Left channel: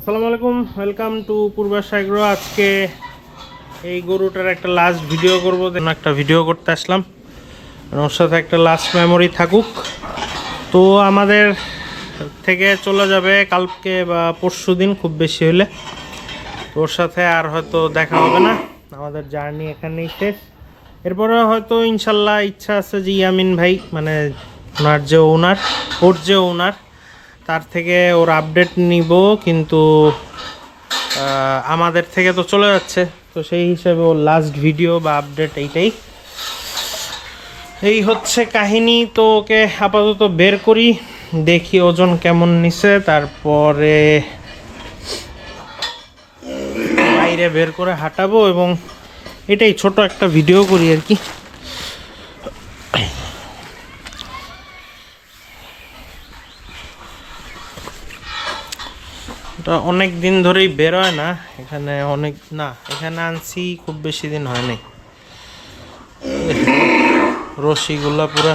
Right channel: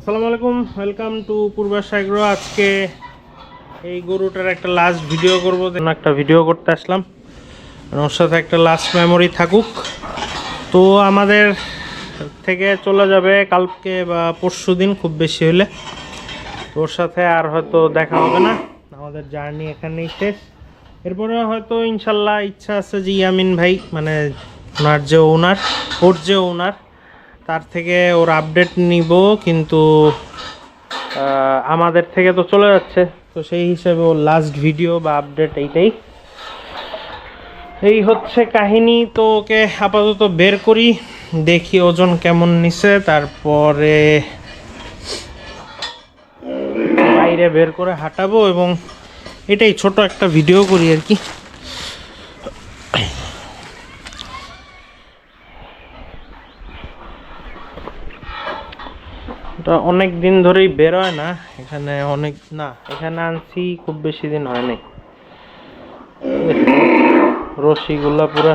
আসসালামু আলাইকুম, welcome to পূর্বাশ agro. আজকে এই গরুটার একটা লাস্ট ভিডিও করব, একটা ভিডিও করতে আসলাম। ওর সাথে একটা লাস্ট মেমোরি থাকুক। তো আমাদের থেকে চলে যাবে কালকে বা পরশু দিন খুব বেশি হলে। ওর সাথে আর হয়তো দেখা হবে না, আমাদের জার্নি এখানেই শেষ। এরপরে হয়তো ইনশাল্লাহ ইচ্ছা আছে যে ইয়ামিন ভাই, মানে ওর যে ওনার তার থেকে ওর আপডেট নিব, কিন্তু আমাদের থেকে তো চলে যাচ্ছে, তো সেই হিসাবে ওর লাস্ট ভিডিও বা আপডেট এই হচ্ছে কাহিনী। তো ওকে আপাতত বের করি, দেখি ওজন কেমন নিছে, তারপরে বাইরে বের করে হাঁটাবো এবং এটাই ছোট একটা ভিডিও করি আর কি। ওটা অনেক দিন ধরেই বেরোয় না, এখানে এখানে আনছি খুব বেশি দিন হয় নাই। রশিগুলা পুরা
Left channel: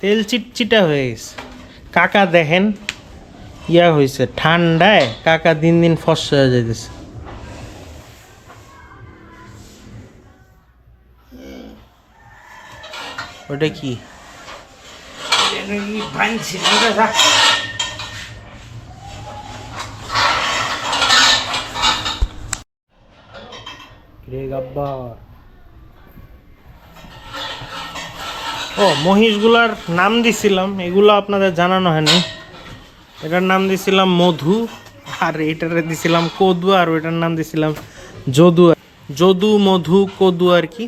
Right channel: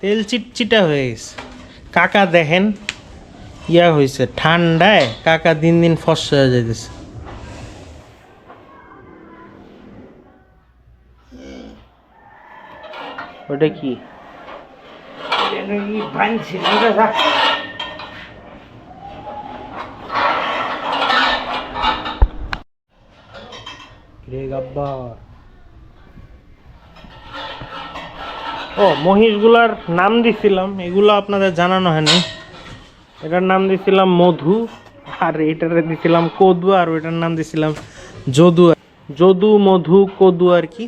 তেল চিটচিটা হয়ে গেছে। কাকা দেখেন হয়েছে ঠান্ডায়, কাকা দিন দিন ফসা হয়ে যাইতেছে। ওটা কি রে গাব্বার। ও, মহিষগুলার নাম দিছিলাম, এগুলো আপনাদের জানানো হয়নি। এটার নাম দিছিলাম মধু, আর এটার দিছিলাম কদু, আর ওইটার নাম দিছিলাম যদু। যদু, মধু, কদু আর কি।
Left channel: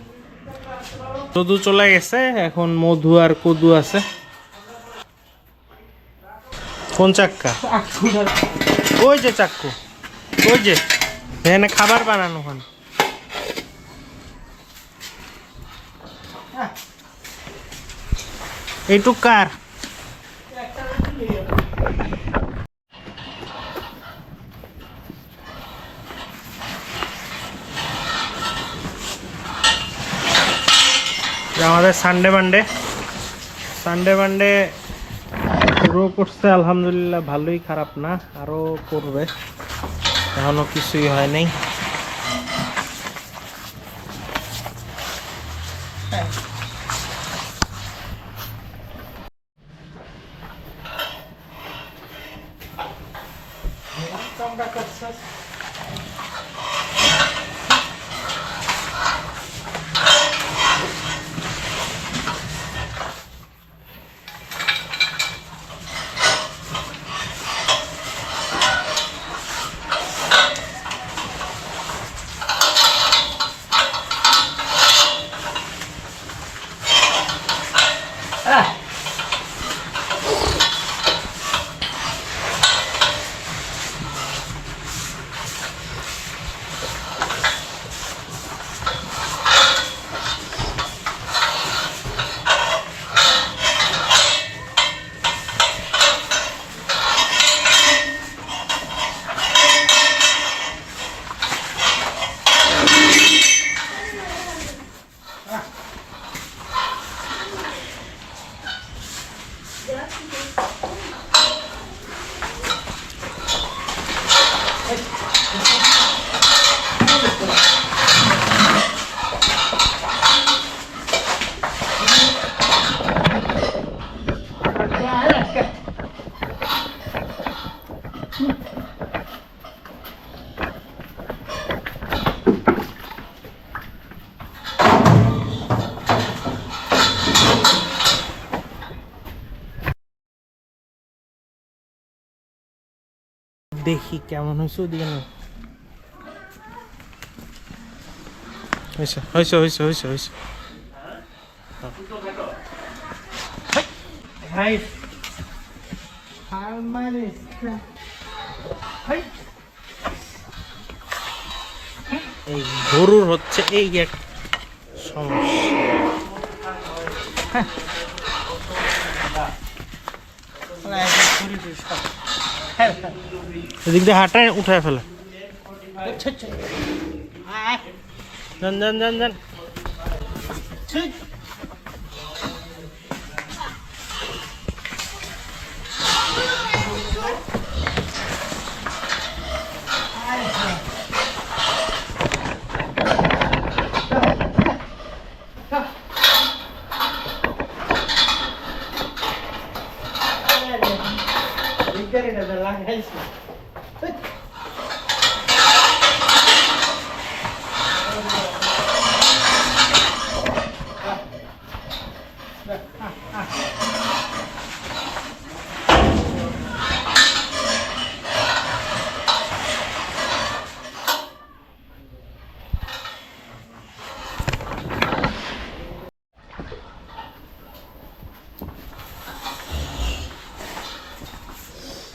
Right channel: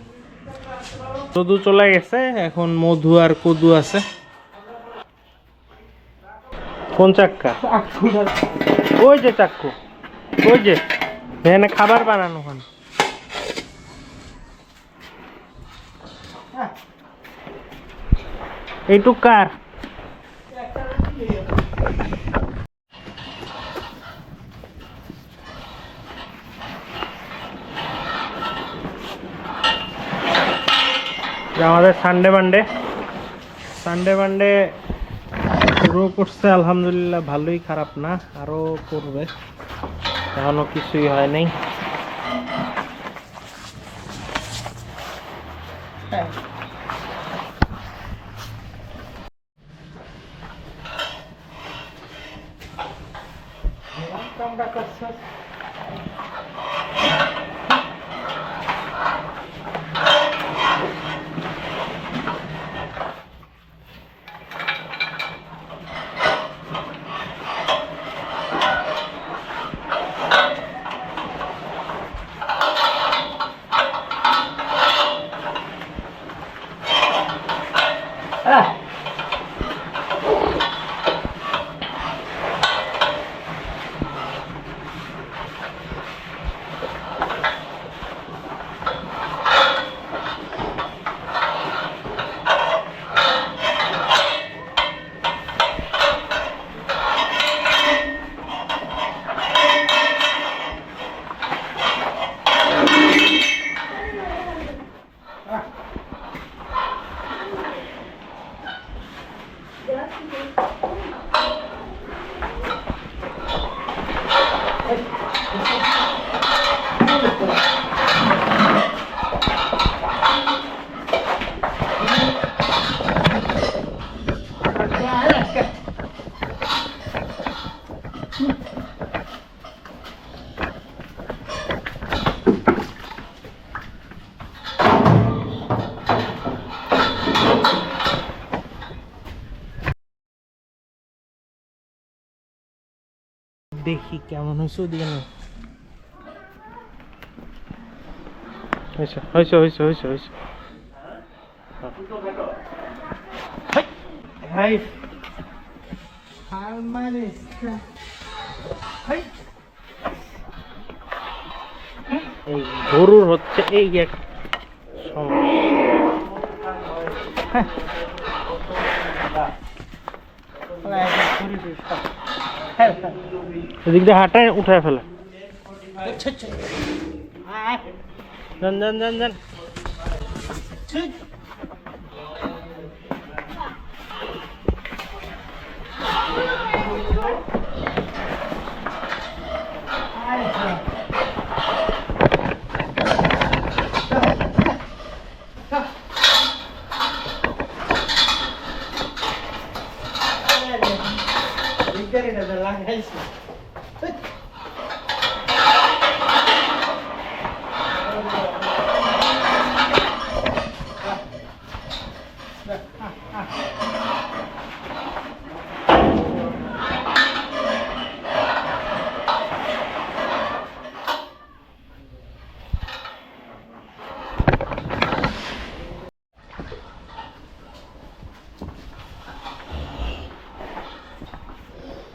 যদু চলে গেছে, এখন মধু আর কদু আছে। কোন চাক্কা? ওই যে চাক্কু, ওই যে এখানে খাবার বানানো হয়। এইটুক কার? আমাদের সানডে মানডে রো করছে, আলহামদুলিল্লাহ ভালোই, খারাপ না, আরও করবে, এখনো কিছুই হয় নাই। দেখি কেমন হয়েছে, ওদিকে না হয়েছে। এই গরুর হচ্ছে এই এক সমস্যা। এদিক দিয়ে হাঁটায় উঠায় ফেলে। যান।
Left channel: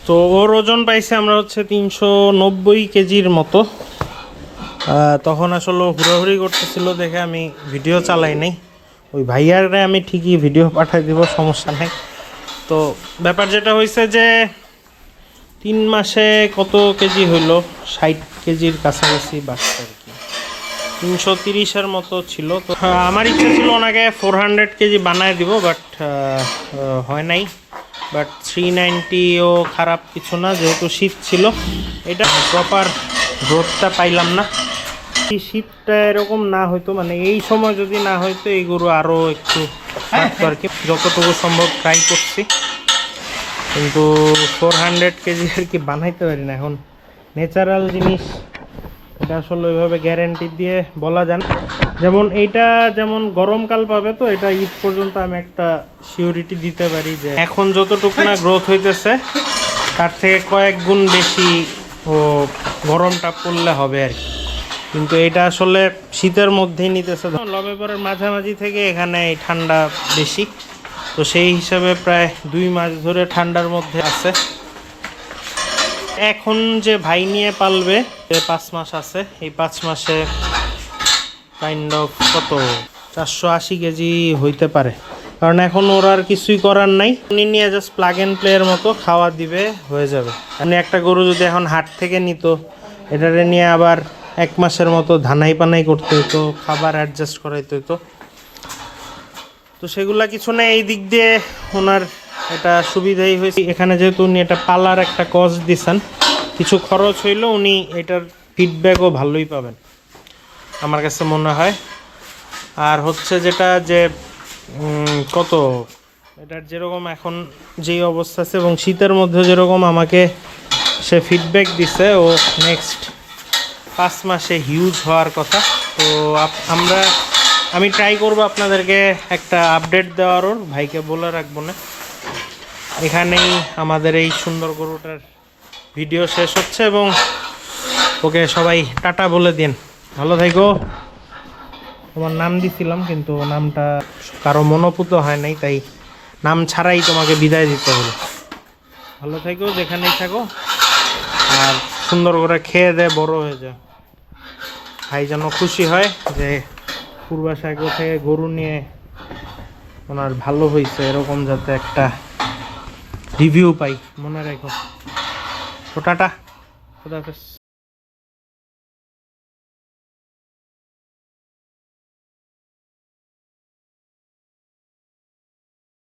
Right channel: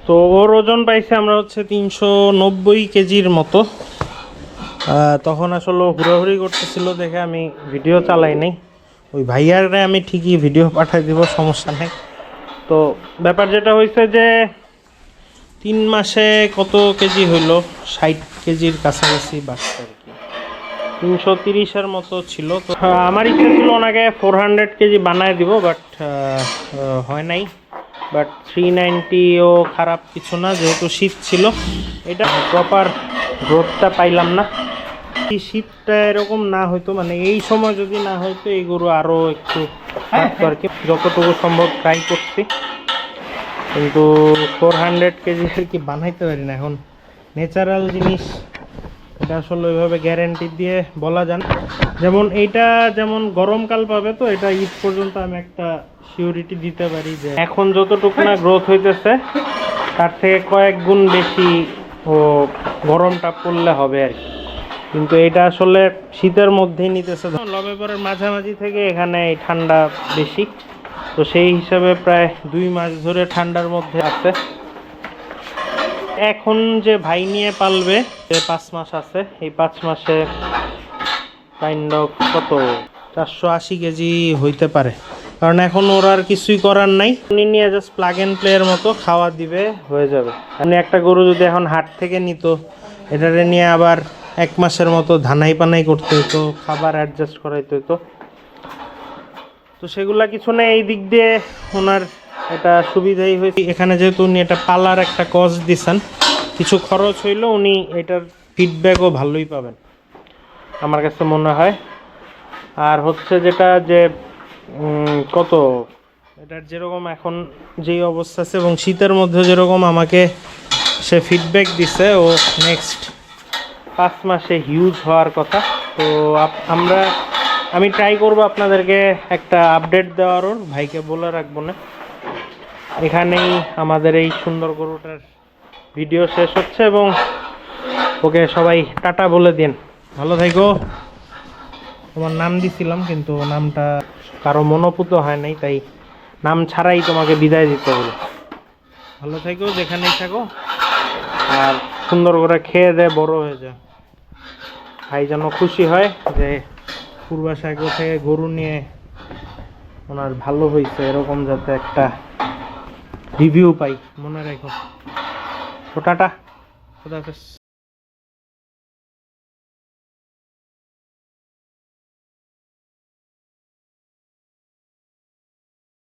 তো ওর ওজন পাইছে আমরা হচ্ছে 390 কেজির মতো। তখন আসলে হুড়াহুড়ি করতেছিল দেখে আমি ভিডিও চালাই নাই। ওই ভাইয়ারে আমি ঠিকই ভিডিও পাঠাই দিব, সমস্যা নেই। তো ব্যাপার যেটা হয়েছে যে 3 মাসে কত কেজি হইলো, 60 কেজির কাছাকাছি বাচ্চা আর কি, 330-এর মতো ছিল। তো আমার ইচ্ছা ছিল ওনাকে 400 কেজি বানায় দিব, বাট হয় নাই। বাট 390ও খারাপ কিছু না, যেহেতু শীত ছিল। এটা প্রপার গ্রোথটা পাইলাম না। এই শীতটা এরকম না হয়তো, মানে এই সময় যদি না হয়তো এই গরু আরও একটু থাকতো আর কি। যতটুকু সম্ভব ট্রাই করছি, কিন্তু 400 কেজি আর কি বানাইতে পারি না। এখন ন্যাচারাল জিনিস, এটা আসলে ওইভাবে গ্যারেন্টি দিয়ে বলা যায় না। যেমন এইটা যেমন গরমকাল পাবে, তো এটা ঈদ পর্যন্ত আমি একটা সিউরিটি দিতে পারি যে এখন যতটুকু না গ্রোথ হইতেছে তার থেকে কয়েক গুণ বেশি ও গরমটা পড়লে হবে আর কি। কিন্তু এটা আসলে শীতের মধ্যেই নিতেছে, নভেম্বরের মাঝামাঝি থেকে এখানে ঠান্ডা বেশি, তো সেই হিসাবে প্রায় 2 মাস ধরে ঠান্ডার মধ্যে আছে। এখন যে ভাই নিয়ে পালবে, 5 মাস আছে, এই 5 মাসে কাইন্ড অফ কত 480 কেজি হইতে পারে, কারণ এখন ওর আর কিছুই করার নাই। উনি নিয়ে জাস্ট প্লাগ অ্যান্ড প্লের মতো খাওয়া দিবে, হয়ে যাবে। মানে একটা গরু যদি এখন হাট থেকে নিত, এটারে নিয়ে আবার 1 মাসের মতো ধানাই পানাই করতে হতো, খাবার অ্যাডজাস্ট করাইতে হতো। তো সেগুলা কিছু নেই, এই দিক দিয়ে ওনার এটা সুবিধাই হয়েছে। এখানে যেহেতু উনি এটা পালার একটা কস্ট দিচ্ছেন, কিছু খরচ হইলেও উনি এটার ফিডব্যাকও ভালোই পাবেন আমার কাছে মনে হয়। আর হচ্ছে যেটা যে কত এটার যেরকম এখন যেই অবস্থা আছে এবং শীতের মধ্যে যেরকম আমাকে সে ফিডব্যাক দিছে, ও নেক্সট 5 মাসে হিউজ হওয়ার কথা। তো আমি ট্রাই করব আপনাদেরকে একটা আপডেট দেওয়ার, ওর ভাইকে বলে রাখবো না। এখানেই আমাদের এই সুন্দর গরুটার ভিডিও শেষ হচ্ছে, এবং ওকে সবাই টাটা বলে দিন, ভালো থাকো। তোমার নাম দিছিলাম কিন্তু নামটা কারো মনোপুত হয় নাই, তাই নাম ছাড়াই তোমাকে বিদায় দিতে হলো। ভালো থাকো যেখানেই থাকো, আর সুন্দর করে খেয়ে দে বড় হয়ে যায়। ভাই যেন খুশি হয় যে পূর্বাশায় থেকে গরু নিয়ে ওনার ভালো হয়েছে, এরকম যাতে একটা রিভিউ পাই, মনে রাখো। তো টাটা, খোদা হাফেজ।